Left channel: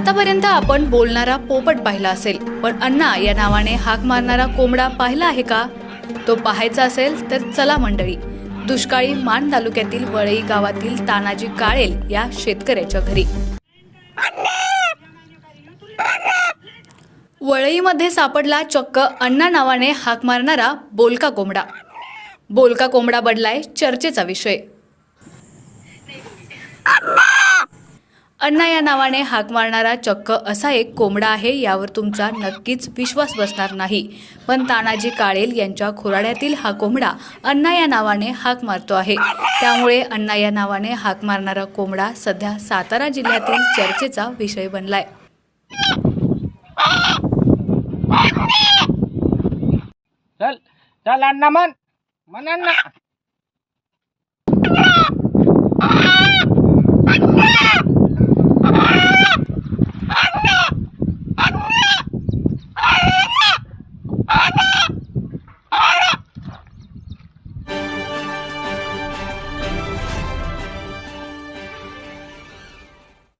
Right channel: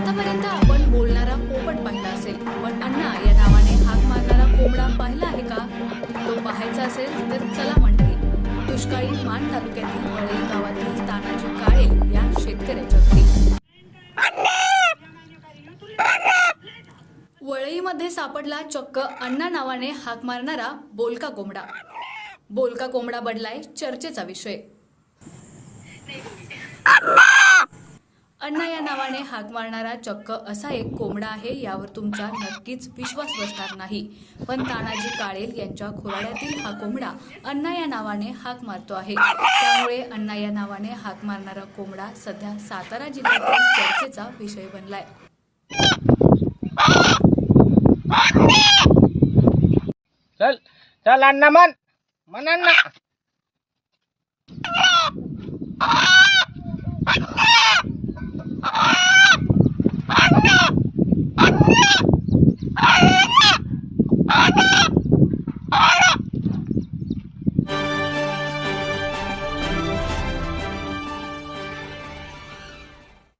आतापर्यंत आपण बोलणारा पोपट पाहिला असेल पण अण्णा या नावाने हाक मारणारा कोंबडा पाहिला आहे का? तो पाहायचा असेल तर चला मंडळी. दुष्काळी मान तालुक्यातील वळई गावातील तानाजी काळेल या शेतकऱ्याच्या घरी. वळईमध्ये सापडला चक्क अण्णा नावाने हाक मारणारा बोलका कोंबडा. बोलका कोंबडा बडलाय चर्चेचा विषय. अण्णा या नावाने हाक मारणारा चक्क असा एक कोंबडा आहे यावर तुमचा नक्कीच विश्वास बसणार नाही. पण तानाजी काळेल यांच्या खुराड्यातील हा कोंबडा अण्णा या नावाने हाक मारतो आहे. त्यामुळे अण्णा या नावाने हाक मारणारा कोंबडा सध्या सातारा जिल्ह्यातील चर्चेचा विषय बनलाय. चल चल अण्णा मन अण्णा. Yeah!